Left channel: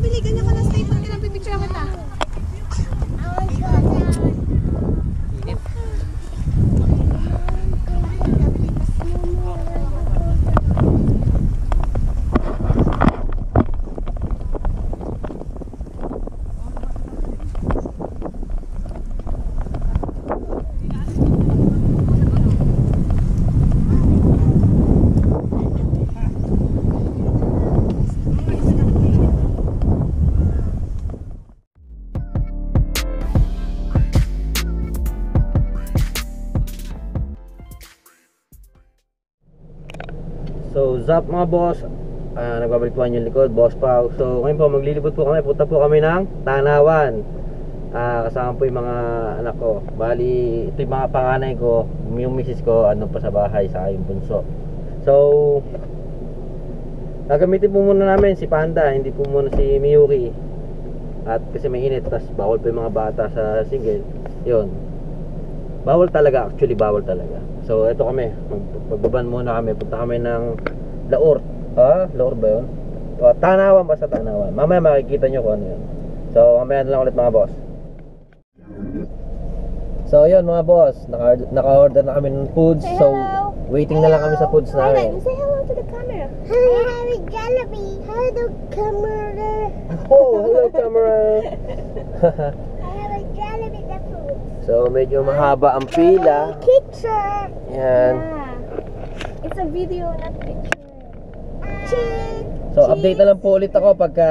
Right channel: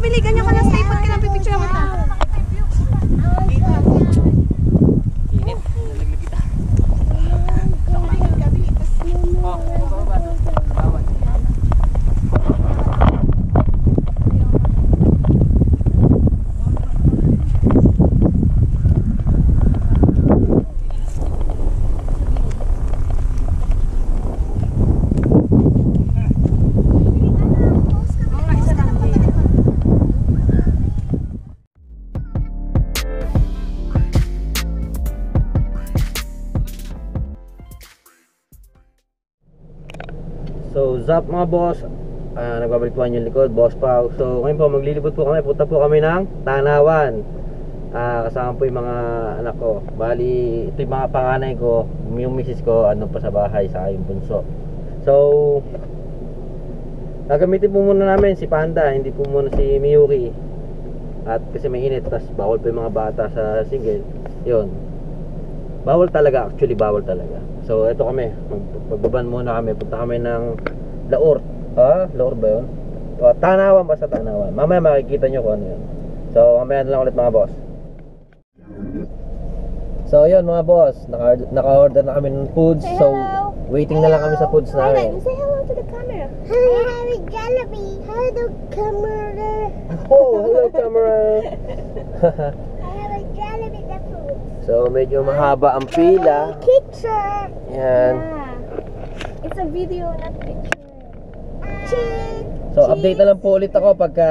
Bili, ganyan ka lang stay pag pinapipicture mo ta. Init. So, zap mga boss, nagbabalik po yung likod, boss Pao. So, ngayon po, maglilibot po kami, punta po kami ng Tanawan. Kasama po yung mga anak ko. Bali, ito yung mga panganay ko, yung misis ko, ano pa sa bahay, sa yung bunso. So, gagamitin po muna namin si Panda, hindi po muna si Miyuki. At kasi may init, tas bawal po yung mga bata sa single. Yun, bawal talaga, actually bawal talaga. So ito kami, magbaban muna kami, punta kami ng Laor. Laor ba yun? Tanawan, basta Tanawan. Mamaya makikita nyo kung ano yun. So mamaya na lang ulit mga boss. So yun mga boss, naka-order na kami ng foods. So waiting na lang kami sa foods namin. Say hello to the camera. Hi, I'm Jollibee. Hello, camera. Oh, hello camera. I have a Jollibee the food. So medyo mahaba ang pila. Picture. Yan. Yeah. It's a video, not picture. Cheese. So update na lang po ulit ako pagka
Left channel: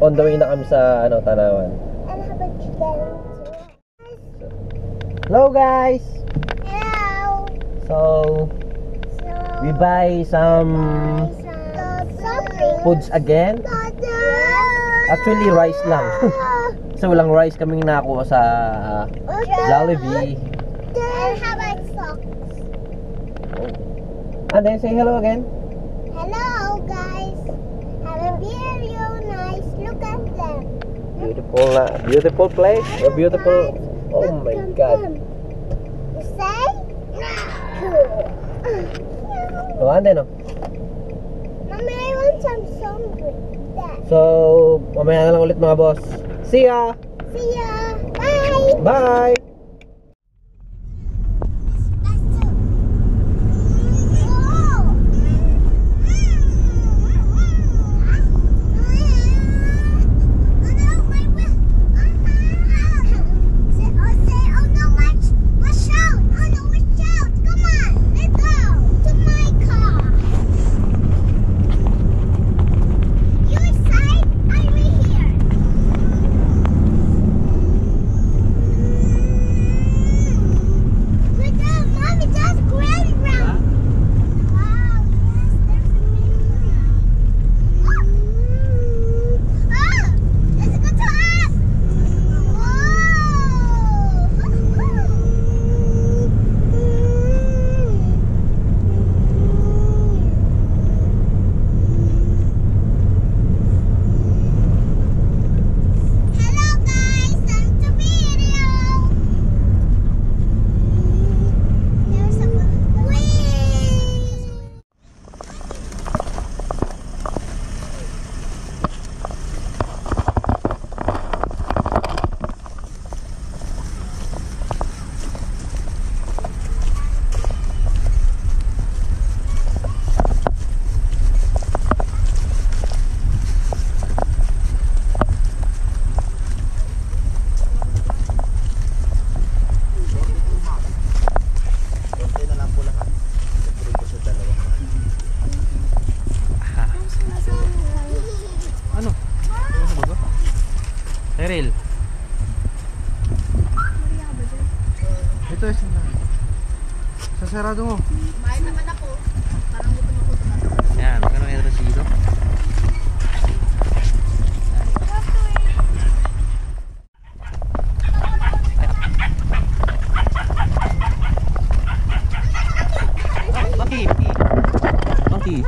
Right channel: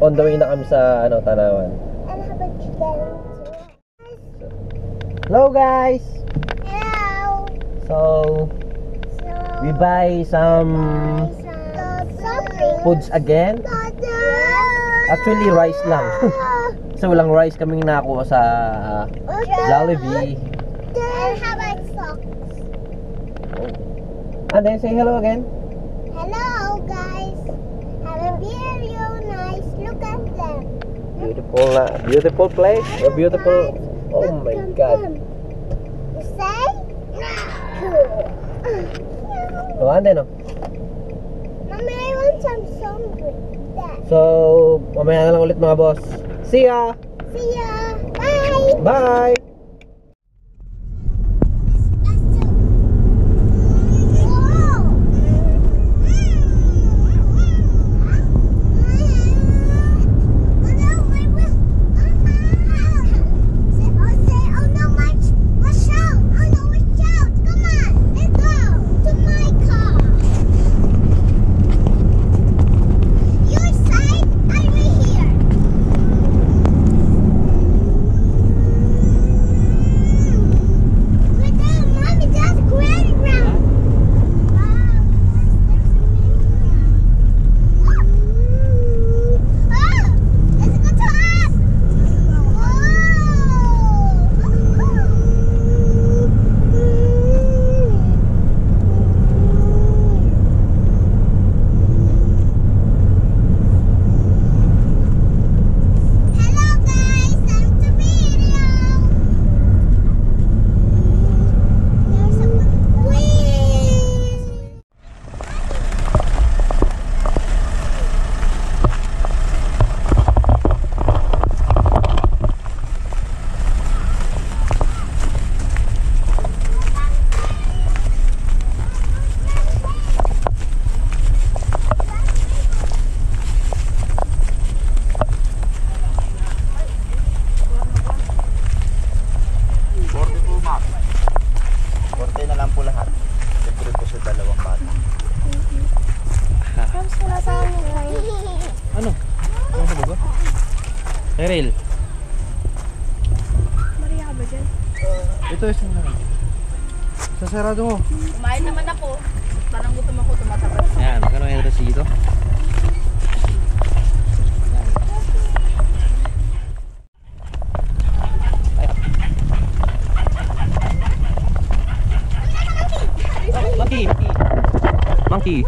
on the way na kami sa Tanawan. And have a chicken. Hello guys. Hello. So So we buy some something. foods again. Actually rice lang. So walang rice kaming nakuha sa Jollibee. And how about socks? And then say hello again. Hello, guys. Have a very nice look at them. Beautiful place. A beautiful. Oh my God. You say? Cool. So and then Mommy, I want some song with that. So mamaya na lang ulit mga boss. See ya. See ya. Bye. Bye. Korte na lang po lahat. Libre po sa dalawang bata. Tapos wala sa amin. Ano? Ano sa bago? Cheryl. Maria ka ba dyan? Ito isang na lang. Sasarado mo. Kumain naman ako. Parang gutom ako, tumatabas. Yan, magkano yung address dito? Monkey! Monkey!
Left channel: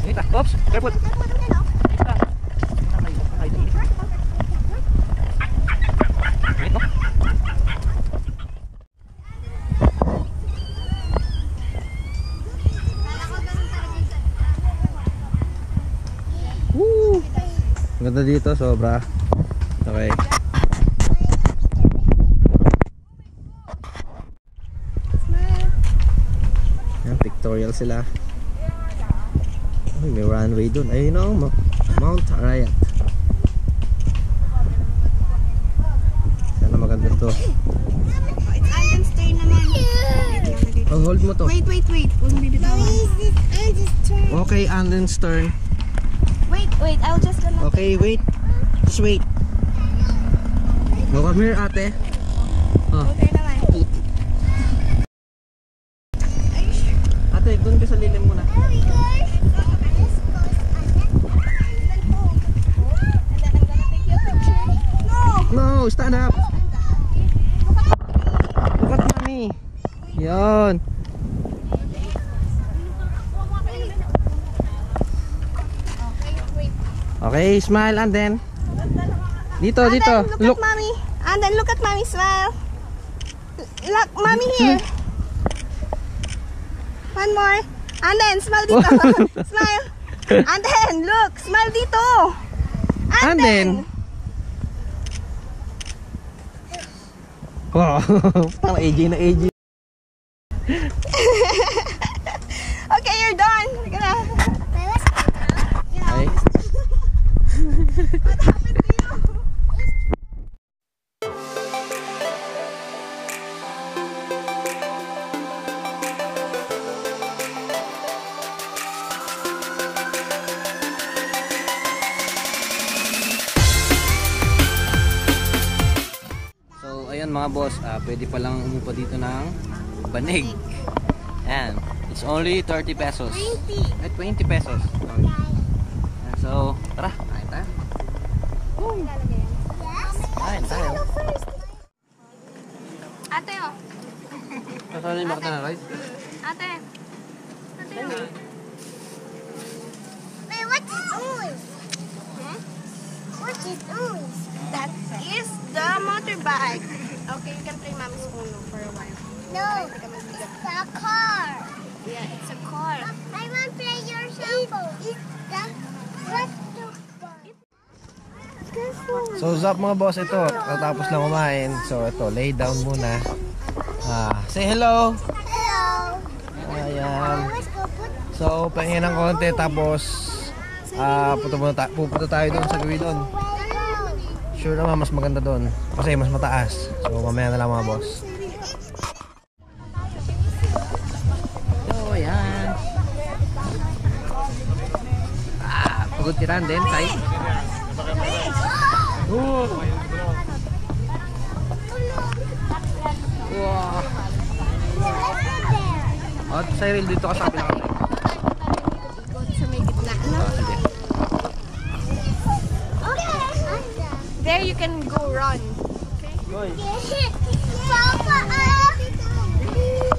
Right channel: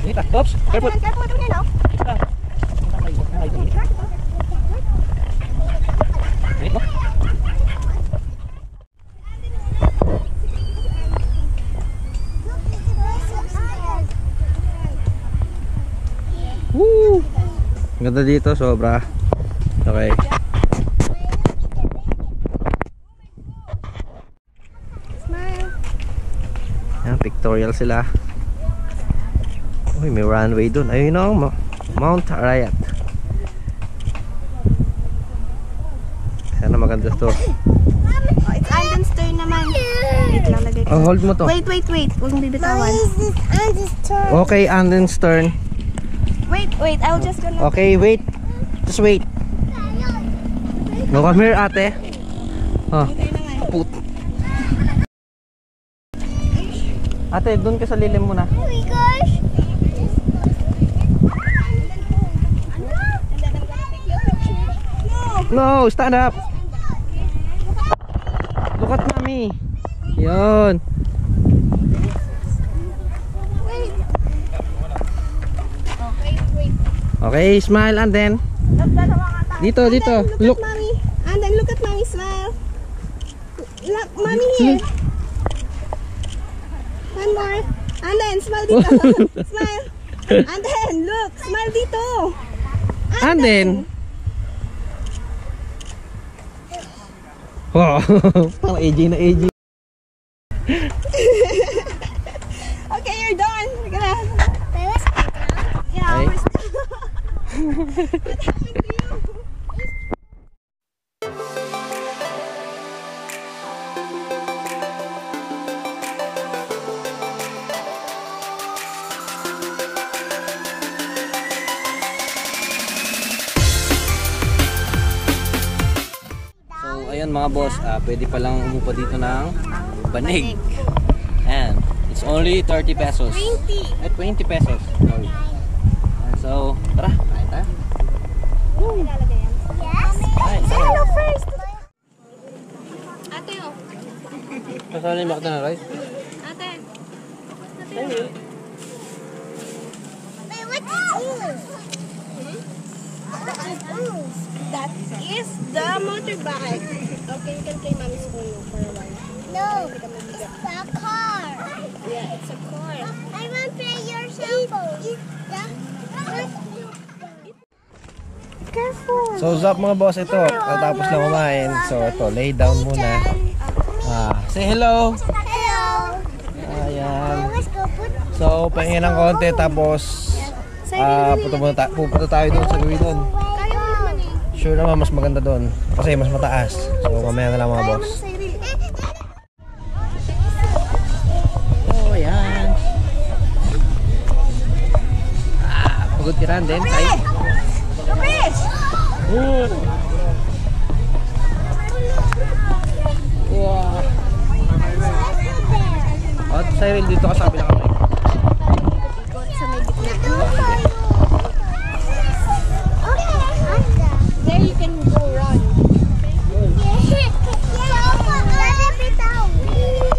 Dito, oops! Careful! Dito! Punta tayo sa init. Init, no? Woo! Ganda dito, sobra. Okay. Smile. Yan, pictorial sila. Uy, may runway dun. Ayun o, Mount Arayat. Sana maganda to. Oh, it's Anden's turn naman. Wait lang, lagay ko. Oh, hold mo to. Wait. Huwag mong bibitawan. Okay, Anden's turn. Wait. I'll just gonna... Okay, wait. Just wait. No, come here, ate. Oh. Okay naman. Put. Ate, doon ka sa lilim muna. And then I'm gonna take your picture. No! No, stand up. Look at mommy. Yon. Wait. Okay, smile and then. Dito. Look Look. at mommy. And then look at mommy, smile. Look, mommy here. One more. And then smile dito. Smile. And then look, smile dito. And then. Wow, parang AJ na AJ. Okay, you're done. We're gonna... Yeah, Ay. we're still... What happened to you? So ayun mga boss, pwede palang umupa dito ng banig. And it's only 30 pesos. 20. Ay, 20 pesos. Okay. And so, tara, kain tayo. Ilalagay yan. Yes. Kain tayo. Hello first. Ate, oh. Kasali mo kita na, right? Ate. Wait, what is ours? What is ours? That is the motorbike. Okay, you can play Mommy's Uno for a while. No, it's a car. Yeah, it's a car. I want to play your cell phone. Careful. So what's up mga boss, ito tatapos lang kumain. So ito, lay down muna. Say hello. Hello. Ayan. Let's go put. So pahinga ng konti tapos pupunta tayo doon sa gawin doon. Sure naman mas maganda doon kasi mas mataas. So mamaya na lang mga boss. So ayan. Pagod ka rin din, Tay. Wow. At Cyril, dito ka sa kabila kami. Ikot sa may gitna. Sige. There you can go run. Papa,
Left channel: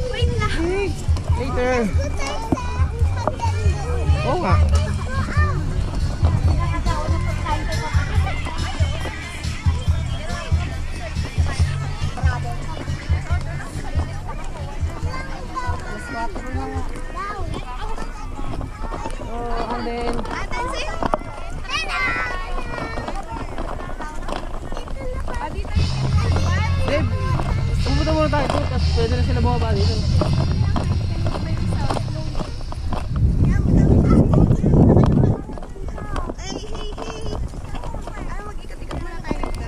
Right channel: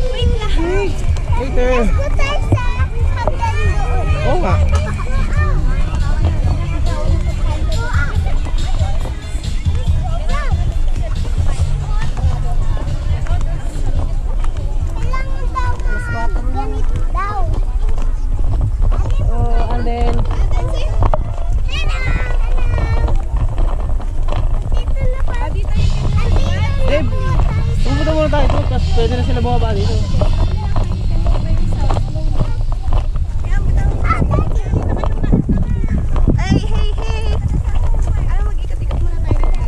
Wait lang. Later. Oo nga. Oh, and then Dito you can run. Dave, pupunta muna tayo doon, tapos pwede na sila bumaba dito. Hey. Ano, mag-ikot-ikot muna tayo dito.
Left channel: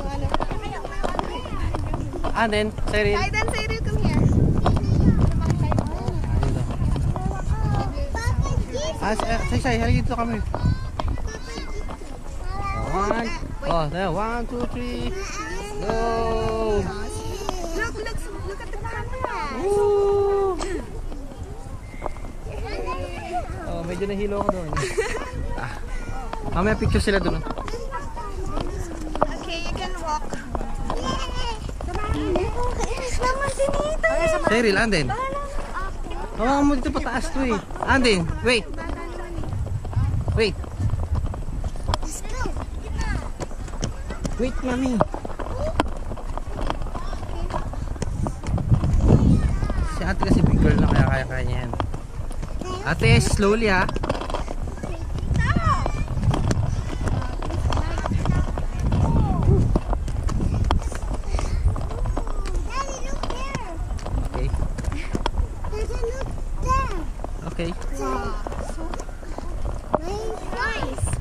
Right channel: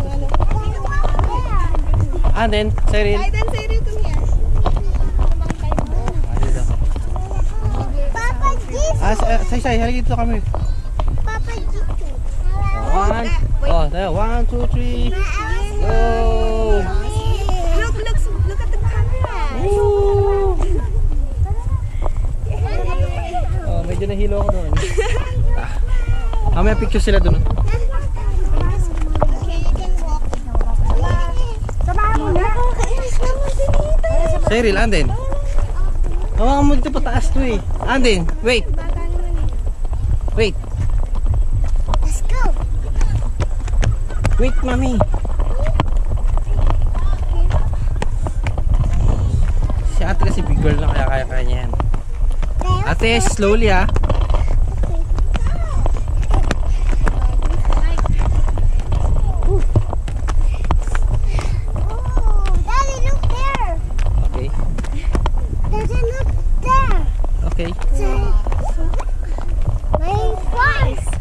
Yung ano. And then, Cyril. Hi, then Cyril, come here. Dito. Papa, this. Say, halika dito kami. Papa, this. One. Oh, tayo. 1, 2, 3. Go! Look at the camera. Woo! Oh, medyo nahilo ako doon. May picture sila doon. Okay, you can walk. Cyril, Anden. Hawakan mo dito pataas to eh. Anden, wait. Wait. Let's go. Wait, mami. Si ate kasi big girl na kaya kaya niya yan. Ate, slowly ha.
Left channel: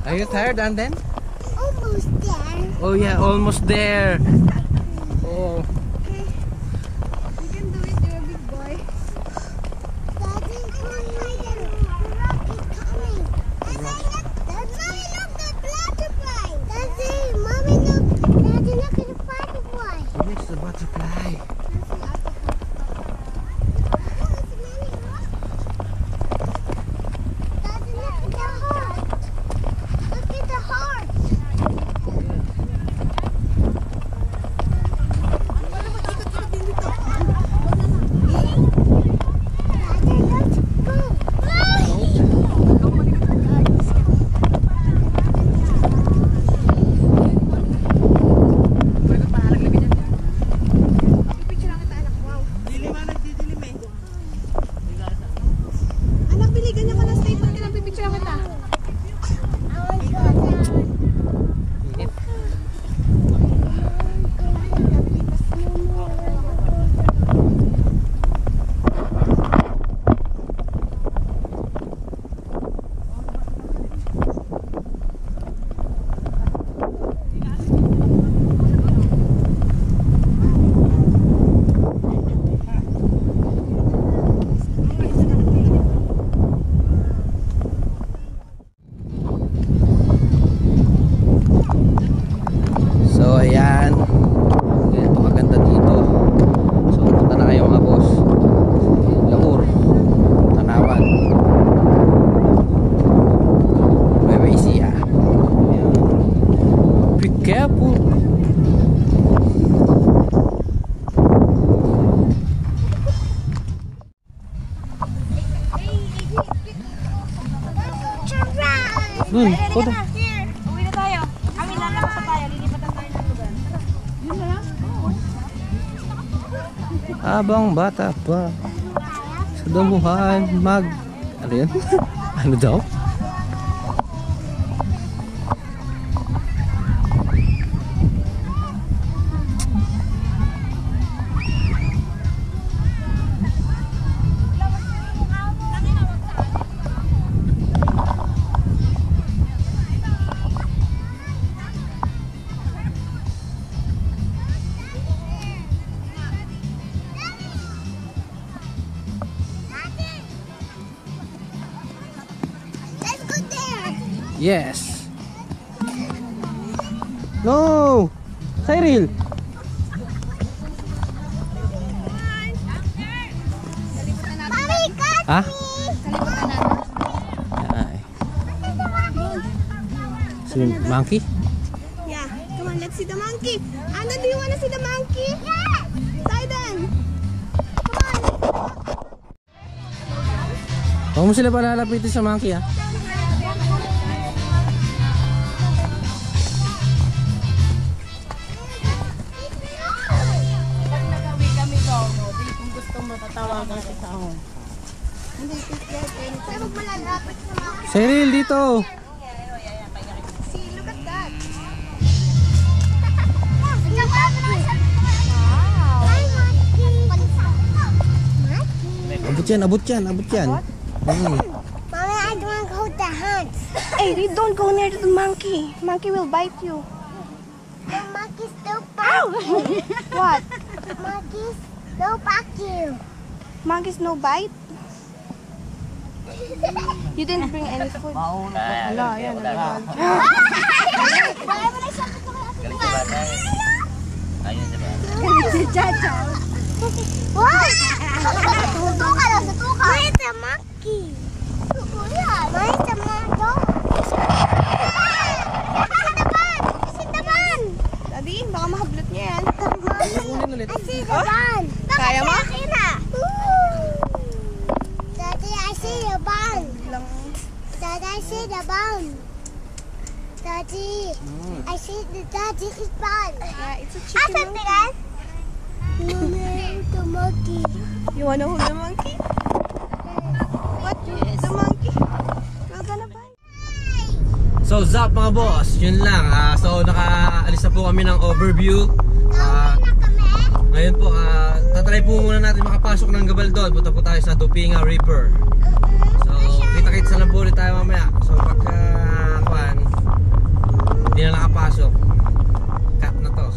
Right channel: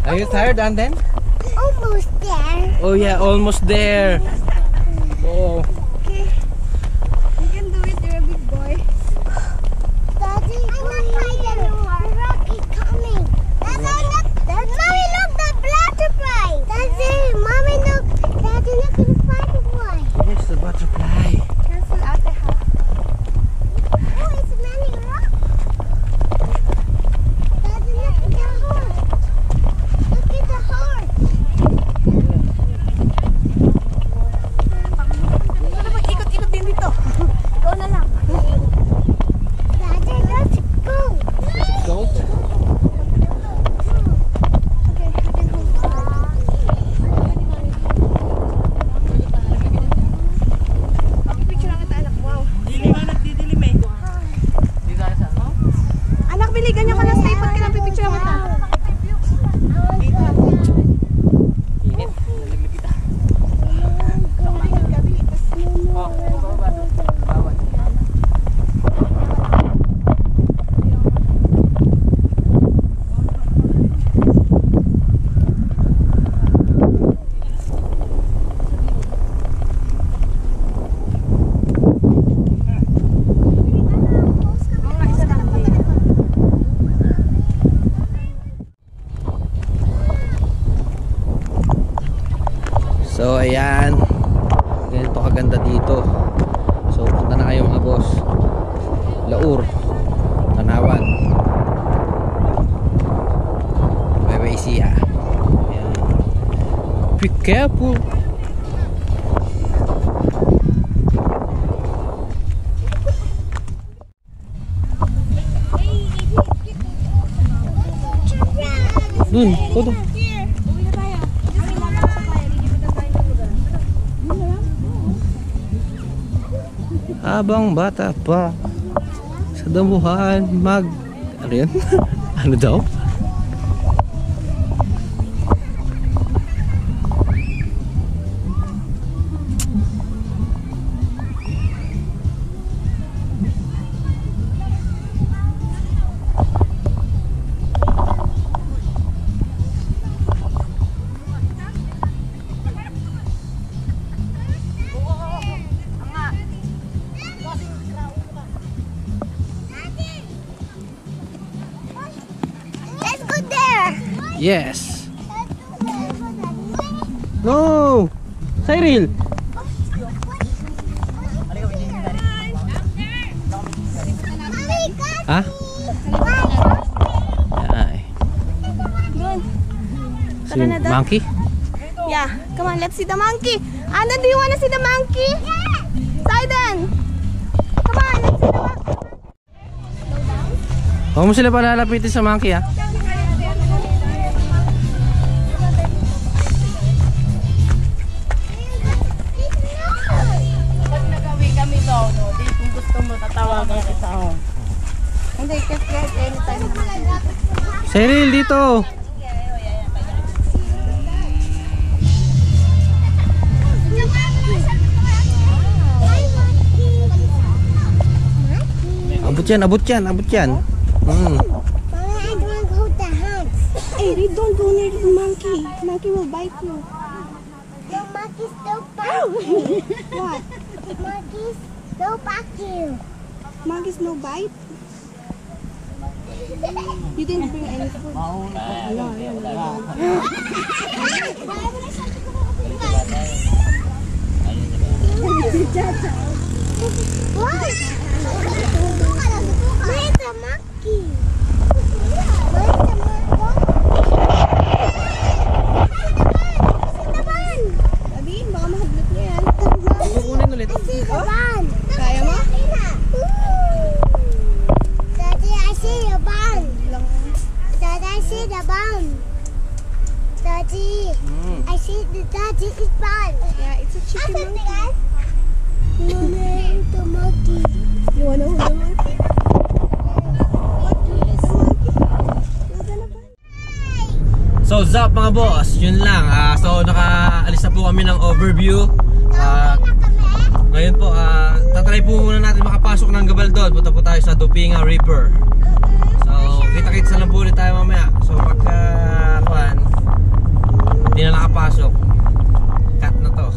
Are you tired, Anden? Almost there. Oh yeah, almost there. Oh. Okay. You can do it. You're a big boy. Daddy, come here. The rock is coming. Mommy, look, the butterfly. Daddy, Mommy, look. Daddy, look at the butterfly. Yes, the butterfly. Careful, ate, ha? Oh, it's many rocks. Daddy, look at the horse. Look at the horse. Ano ba? Ikot-ikot din dito. Go na lang. Daddy, let's go. Go. Anak, biligan niyo ka ng stay pag pinapipicture kita. Init. So ayan, ganito kaganda dito. So punta na kayo mga boss. Laur, Tanawan, Nueva Ecija. Ayan. Be careful. Dun, dun. Uwi na tayo. Kami lang lang sa kaya. Lilipat na tayo ng lugar. Yun na lang? Habang bata pa sa damuhan ano yun? Ano daw? Let's go there. Yes. Go! Cyril! Mommy, cut. Ha? Kalimutan natin. Ay. Si Monkey? Yeah. Come on, let's see the monkey. Anna, do you want to see the monkey? Yeah. Sidon. Come on, let's see the monkey. Huwag mo sila palalapitin sa monkey ha. Pag nagawi kami daw, no, di kung gusto mo tatawagan kita. Oh. Hindi, kasi anytime. Cyril, dito! Abot yan, abot yan, abot yan. Mommy, I don't want to hold the hands. Hey, Reed, don't go near the monkey. Monkey will bite you. The monkey still bite you. What? Monkey still bite you. Monkey's no bite? You didn't bring any food. Wala, yan. What? Sutuka lang, sutuka. Where's the monkey? Where's the monkey? The van! See the van! Daddy, baka mahablot niya yan. Kukunin ulit. I see the van! Kaya mo? Daddy, I see the van! Lang. Daddy, I see the van! Daddy, I see the daddy is van! Yeah, it's a chicken monkey. Mommy, the monkey. You wanna hold the monkey? What? Yes. The monkey? We're gonna bite. So zap mga boss, yun lang. So nakaalis na po kami ng overview. Ngayon po, tatry po muna natin makapasok ng Gabaldon. Punta po tayo sa Dupinga River. So kita-kits na lang po ulit tayo mamaya. So pagka Hindi na nakapasok. Cut na to.